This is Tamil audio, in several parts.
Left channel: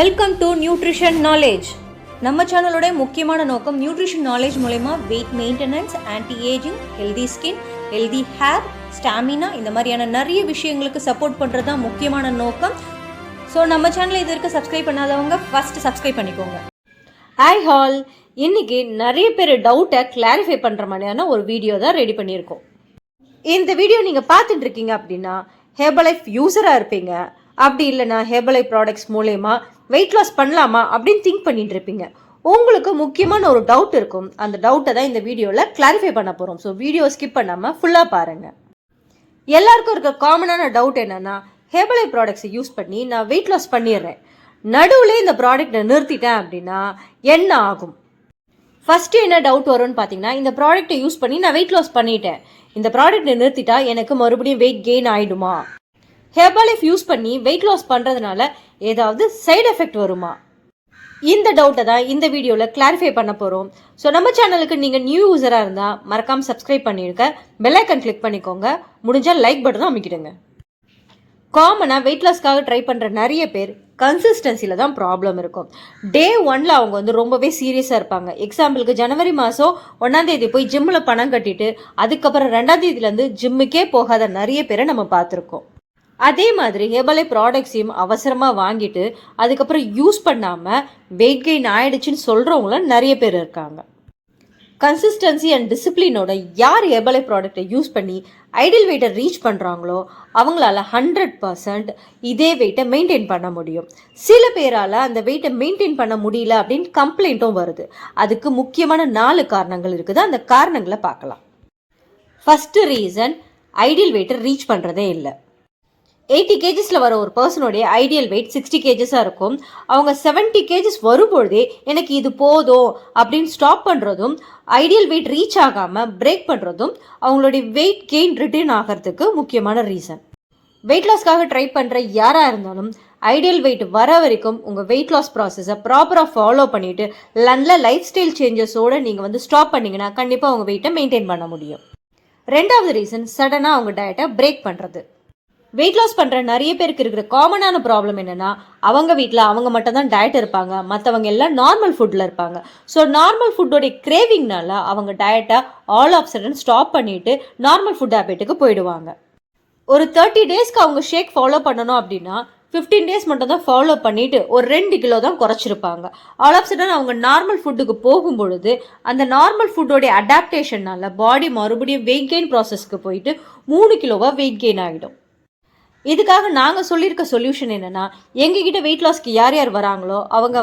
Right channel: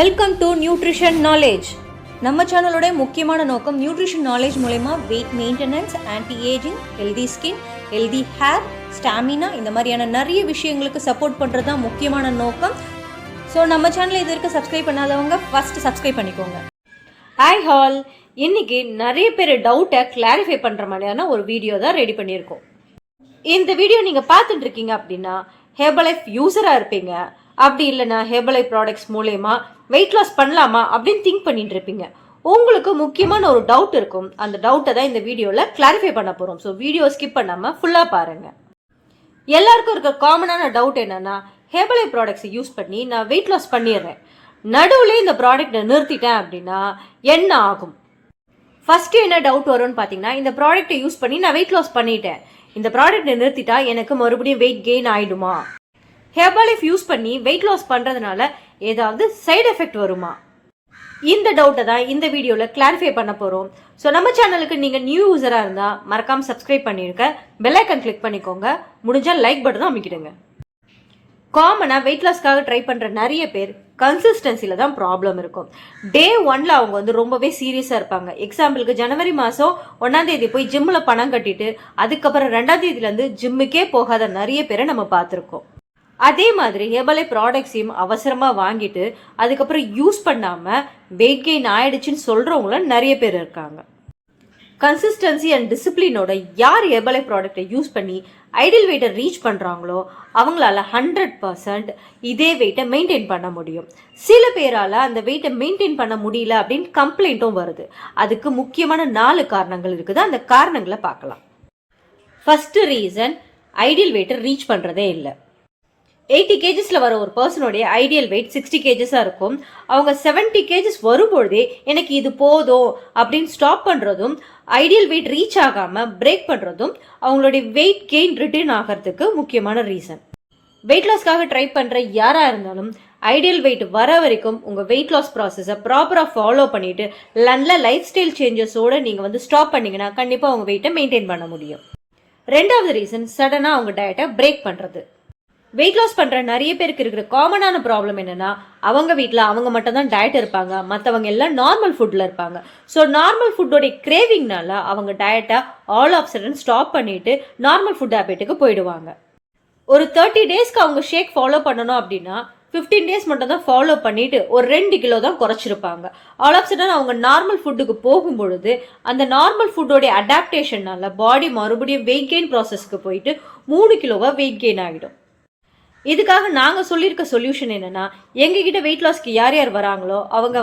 Welcome to nutrition knowledge. நம்ம சேனலோட முக்கியமான நோக்கம் நியூட்ரிஷன் நாலேஜ் மூலமா weight maintenance, anti ageing, healthy skin, healthy hair, stamina இந்த மாதிரியான நிறைய விஷயங்களுக்கு சப்போர்ட் பண்ணுறது தான் முக்கியமான நோக்கம். ஸோ நம்ம சேனலை இது வரைக்கும் சப்ஸ்கிரைப் பண்ணாதவங்க ஃபர்ஸ்ட் சப்ஸ்கிரைப் பண்ணிக்கோங்க. ஹாய் ஹால், இன்னைக்கு நிறைய பேர் டவுட்டை கிளாரிஃபை பண்ணுற மாதிரியான ஒரு வீடியோ தான் ரெடி பண்ணியிருக்கோம். இந்த வீடியோ நீங்கள் பார்த்துட்டு இருக்கீங்க அப்படின்னா ஹெர்பலைஃப் யூஸராக இருப்பீங்க. அப்படி இல்லைன்னா ஹெர்பலைஃப் ப்ராடக்ட்ஸ் மூலயமா வெயிட் லாஸ் பண்ணலாமா அப்படின்னு திங்க் பண்ணிட்டு இருப்பீங்க. உங்களுக்கு முக்கியமான ஒரு டவுட் இருக்கும். அந்த டவுட்டை தான் இந்த வீடியோவில் கிளாரிஃபை பண்ண போகிறோம். ஸோ வீடியோ ஸ்கிப் பண்ணாமல் ஃபுல்லாக பாருங்கள். எல்லாருக்கும் இருக்க காமனான டவுட் என்னென்னா, ஹெர்பலைஃப் ப்ராடக்ட்ஸை யூஸ் பண்ணி நான் வெயிட் லாஸ் பண்ணிடுறேன், நடுவில் இந்த ப்ராடக்ட்டை நிறுத்திட்டேன் அப்படின்னா என்ன ஆகும்? ஃபஸ்ட்டு என்ன டவுட் வரும்னு பார்த்தீங்கன்னா, இந்த ப்ராடக்ட்டை யூஸ் பண்ணி நான் வெயிட் லாஸ் பண்ணிட்டேன், இந்த ப்ராடக்ட்டை நிறுத்திட்டா எனக்கு மறுபடியும் வெயிட் கெயின் ஆகிடுமா? ஹெர்பலைஃப் யூஸ் பண்ணி வெயிட் லாஸ் பண்ணுறதுனால ஏதாவது சைடு எஃபெக்ட் வருமா? இந்த டவுட்டை தான் இந்த வீடியோவில் கிளாரிஃபை பண்ண போகிறோம். ஸோ நம்ம சேனலுக்கு நீங்கள் நியூ யூஸராக இருந்தால் மறக்காமல் சப்ஸ்கிரைப் பண்ணியிருக்க, பெல் ஐக்கன் கிளிக் பண்ணிக்கோங்க, முடிஞ்சால் லைக் பட்டன் அமைக்கிடுங்க. காமனாக வெயிட் லாஸ்க்காக ட்ரை பண்ணுற நிறைய பேர் கன்சிஸ்டன்சியில் தான் ப்ராப்ளம் இருக்கும். டே 1ல் அவங்க ரொம்பவே சீரியஸாக இருப்பாங்க. எக்ஸாம்பிளுக்கு ஜனவரி மாதம் 1ஆம் தேதி போய் ஜிம்மில் பணம் கட்டிட்டு அதுக்கப்புறம் 2ஆம் தேதியிலேருந்து ஜிம்முக்கே போகாத நிறைய பேரை நம்ம பார்த்துருக்கோம். அதே மாதிரி ஹெர்பலைஃப் ப்ராடக்ட்ஸையும் அவசரமாக வாங்கிட்டு அதுக்கப்புறம் யூஸ் பண்ணாமல் வெயிட் கெயின் ஆயிடுச்சுன்னு சொல்கிறவங்களும் நிறைய பேர் இருக்காங்க. கன்சிஸ்டன்சி அண்ட் டிசிப்ளினோட யார் ஹெர்பலைஃப் ப்ராடக்டை யூஸ் பண்ணி ஐடியல் வெயிட்டை ரீச் பண்ணுறாங்களோ அவங்களால 100% இதே வெயிட்டை மெயின்டைன் பண்ண முடியும். சில பேரால் அந்த வெயிட்டை மெயின்டைன் பண்ண முடியல அப்படின்னு கம்ப்ளைண்ட்டும் வருது. அதுக்கு முக்கியமான 4 காரணங்கள் இருக்குது. அந்த காரணங்களை பார்க்கலாம். ஃபஸ்ட்டு ரீசன், ஐடியல் வெயிட்டை ரீச் பண்ணுறதே இல்லை. 80 கேஜஸில் வர ஒரு பர்சனுடைய ஐடியல் வெயிட் 60 கேஜஸாக இருக்கும். அவங்க 70 கேஜஸ் வரும்பொழுதே எனக்கு இது போதும் அப்படின்னு ஸ்டாப் பண்ணுறதும், ஐடியல் வெயிட் ரீச் ஆகாமல் பிரேக் பண்ணுறதும் அவங்களுடைய வெயிட் கெயின் ரிட்டர்ன் ஆகிறதுக்கு முக்கியமான ரீசன். வெயிட் லாஸ்க்காக ட்ரை பண்ணுற யாராக இருந்தாலும் ஐடியல் வெயிட் வர வரைக்கும் உங்கள் வெயிட் லாஸ் ப்ராசஸை ப்ராப்பராக ஃபாலோ பண்ணிவிட்டு நல்ல லைஃப் ஸ்டைல் சேஞ்சஸோடு நீங்கள் ஸ்டாப் பண்ணிங்கன்னா கண்டிப்பாக உங்கள் வெயிட்டை மெயின்டைன் பண்ண முடியும். 2வது ரீசன், சடனாக அவங்க டயட்டை பிரேக் பண்ணுறது. வெயிட் லாஸ் பண்ணுற நிறைய பேருக்கு இருக்கிற காமனான ப்ராப்ளம் என்னென்னா, அவங்க வீட்டில் அவங்க மட்டும் தான் டயட் இருப்பாங்க, மற்றவங்க எல்லாம் நார்மல் ஃபுட்டில் இருப்பாங்க. ஸோ நார்மல் ஃபுட்டோடைய கிரேவிங்னால அவங்க டயட்டை ஆல் ஆஃப் சடன் ஸ்டாப் பண்ணிவிட்டு நார்மல் ஃபுட் ஹேபிட்டுக்கு போயிடுவாங்க. ஒரு 30 டேஸ்க்கு அவங்க ஷேக் ஃபாலோ பண்ணணும் அப்படின்னா 15 டேஸ் மட்டும் தான் ஃபாலோ பண்ணிவிட்டு ஒரு 2 கிலோ தான் குறைச்சிருப்பாங்க. ஆல் ஆஃப் சடன் அவங்க நார்மல் ஃபுட்டுக்கு போகும்பொழுது அந்த நார்மல் ஃபுட்டோடைய அடாப்டேஷனால பாடி மறுபடியும் வெயிட் கெயின் ப்ராசஸ்க்கு போயிட்டு 3 கிலோவாக வெயிட் கெயின் ஆகிடும். இதுக்காக நாங்கள் சொல்லியிருக்க சொல்யூஷன் என்னென்னா, எங்ககிட்ட வெயிட் லாஸ்க்கு யார் யார் வராங்களோ அவங்க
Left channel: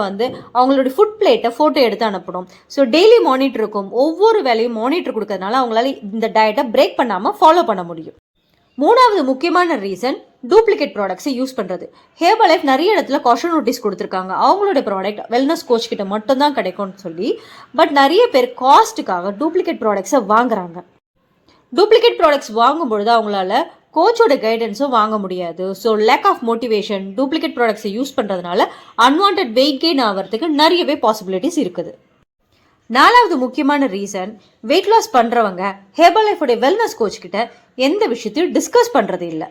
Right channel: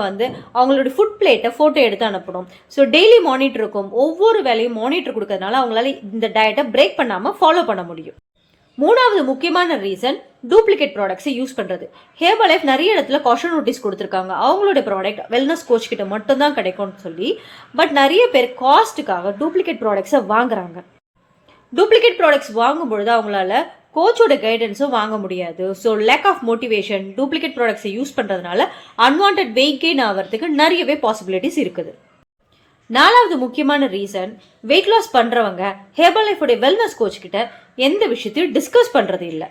அவங்களோட ஃபுட் பிளேட்டை ஃபோட்டோ எடுத்து அனுப்பணும். ஸோ டெய்லி மானிட்டர் இருக்கும். ஒவ்வொரு வேலையும் மானிட்டர் கொடுக்கறதுனால அவங்களால இந்த டயட்டை பிரேக் பண்ணாமல் ஃபாலோ பண்ண முடியும். 3வது முக்கியமான ரீசன், டூப்ளிகேட் ப்ராடக்ட்ஸை யூஸ் பண்ணுறது. ஹெர்பலைஃப் நிறைய இடத்துல காஷன் நோட்டீஸ் கொடுத்துருக்காங்க, அவங்களோட ப்ராடக்ட் வெல்னஸ் கோச் கிட்ட மட்டும்தான் கிடைக்கும்னு சொல்லி. பட் நிறைய பேர் காஸ்ட்டுக்காக டூப்ளிகேட் ப்ராடக்ட்ஸை வாங்குறாங்க. டூப்ளிகேட் ப்ராடக்ட்ஸ் வாங்கும்பொழுது அவங்களால கோச்சோட கைடன்ஸும் வாங்க முடியாது. So lack of motivation, duplicate ப்ராடக்ட்ஸை யூஸ் பண்ணுறதுனால அன்வான்ட் வெயிட் கெயின் ஆகிறதுக்கு நிறையவே பாசிபிலிட்டிஸ் இருக்குது. 4வது முக்கியமான ரீசன், வெயிட் லாஸ் பண்ணுறவங்க ஹெர்பலைஃபோடைய வெல்னஸ் கோச் கிட்ட எந்த விஷயத்தையும் டிஸ்கஸ் பண்ணுறது இல்லை.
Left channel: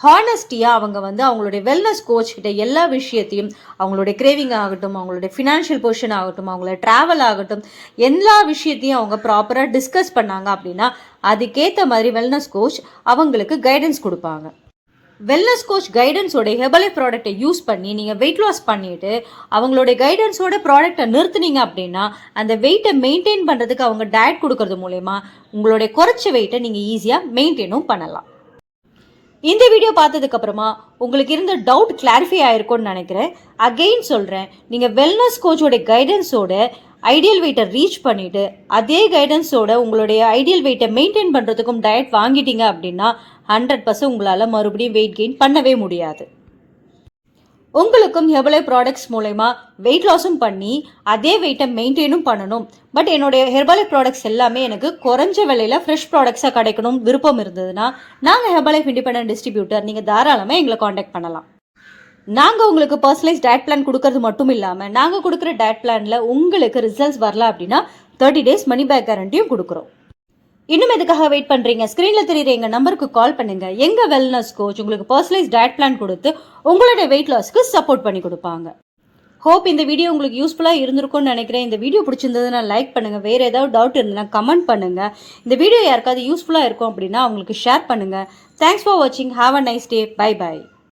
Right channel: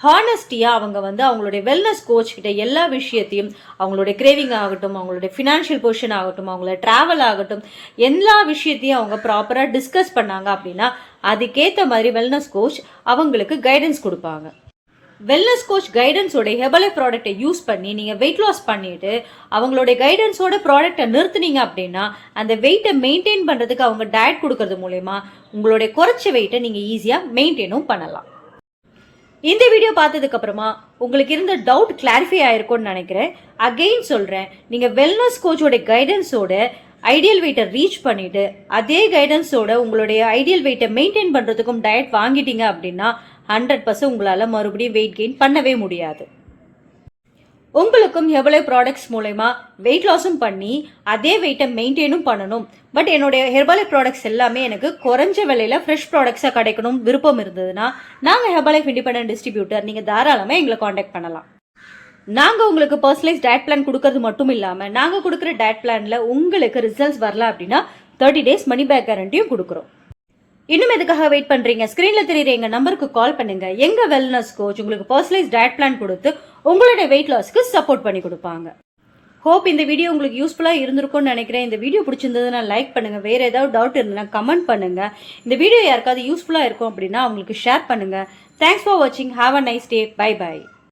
ஹானஸ்டியாக அவங்க அவங்களுடைய வெல்னஸ் கோச் கிட்ட எல்லா விஷயத்தையும், அவங்களுடைய கிரேவிங் ஆகட்டும், அவங்களுடைய ஃபினான்ஷியல் பொசிஷன் ஆகட்டும், அவங்களோட ட்ராவல் ஆகட்டும், எல்லா விஷயத்தையும் அவங்க ப்ராப்பராக டிஸ்கஸ் பண்ணாங்க அப்படின்னா அதுக்கேற்ற மாதிரி வெல்னஸ் கோச் அவங்களுக்கு கைடன்ஸ் கொடுப்பாங்க. வெல்னஸ் கோச் கைடன்ஸோட ஹெர்பலைஃப் ப்ராடக்டை யூஸ் பண்ணி நீங்கள் வெயிட் லாஸ் பண்ணிவிட்டு அவங்களுடைய கைடன்ஸோட ப்ராடக்டை நிறுத்துனீங்க அப்படின்னா அந்த வெயிட்டை மெயின்டைன் பண்ணுறதுக்கு அவங்க டயட் கொடுக்கறது மூலயமா உங்களுடைய குறைச்ச வெயிட்டை நீங்கள் ஈஸியாக மெயின்டைனும் பண்ணலாம். இந்த வீடியோ பார்த்ததுக்கு அப்புறமா உங்களுக்கு இருந்த டவுட் கிளாரிஃபை ஆயிருக்கும்னு நினைக்கிறேன். அகெயின் சொல்கிறேன், நீங்கள் வெல்னஸ் கோச்சோட கைடன்ஸோட ஐடியல் வெயிட்டை ரீச் பண்ணிவிட்டு அதே கைடன்ஸோட உங்களுடைய ஐடியல் வெயிட்டை மெயின்டைன் பண்ணுறதுக்கும் டயட் வாங்கிட்டீங்க அப்படின்னா 100% உங்களால் மறுபடியும் வெயிட் கெயின் பண்ணவே முடியாது. உங்களுக்கும் ஹெர்பலைஃப் ப்ராடக்ட்ஸ் மூலமா வெயிட் லாஸும் பண்ணி அதே வெயிட்டை மெயின்டைனும் பண்ணணும், பட் என்னுடைய ஹெர்பலைஃப் ப்ராடக்ட்ஸ் எல்லாமே எனக்கு குறைஞ்ச விலையில் ஃப்ரெஷ் ப்ராடக்ட்ஸாக கிடைக்கணும் விருப்பம் இருந்ததுன்னா நாங்கள் ஹெர்பலைஃப் இண்டிபெண்டன்ட் டிஸ்ட்ரிபியூட்டர், நீங்கள் தாராளமாக எங்களை காண்டாக்ட் பண்ணலாம். நாங்கள் உங்களுக்கு பர்சனலைஸ் டயட் பிளான் கொடுக்கறது மட்டும் இல்லாமல் நாங்கள் கொடுக்குற டயட் பிளானில் உங்களுக்கு ரிசல்ட்ஸ் வரல அப்படின்னா 30 டேஸ் மணி பேக் கேரண்டியும் கொடுக்குறோம். இன்னும் எதுக்காக வெயிட் பண்றீங்க? ஸ்கிரீன்ல தெரியுற எங்க நம்பருக்கு கால் பண்ணுங்க. எங்க வெல்னஸ் கோச் உங்களுக்கு பர்சனலைஸ் டயட் பிளான் கொடுத்து உங்களுடைய வெயிட் லாஸ்க்கு சப்போர்ட் பண்ணி கொடுப்பாங்க. ஹோப் இந்த வீடியோ உங்களுக்கு யூஸ்ஃபுல்லாக இருந்திருக்கும்னு நினைக்கிறேன். இந்த வீடியோ பிடிச்சிருந்ததுன்னா லைக் பண்ணுங்கள். வேறு ஏதாவது டவுட் இருந்ததுன்னா கமெண்ட் பண்ணுங்கள். இந்த வீடியோ யாருக்காவது யூஸ்ஃபுல்லாக இருக்கும் அப்படின்னா அவங்களுக்கு ஷேர் பண்ணுங்கள். தேங்க்ஸ் ஃபார் வாட்சிங். Have a nice day. Bye by.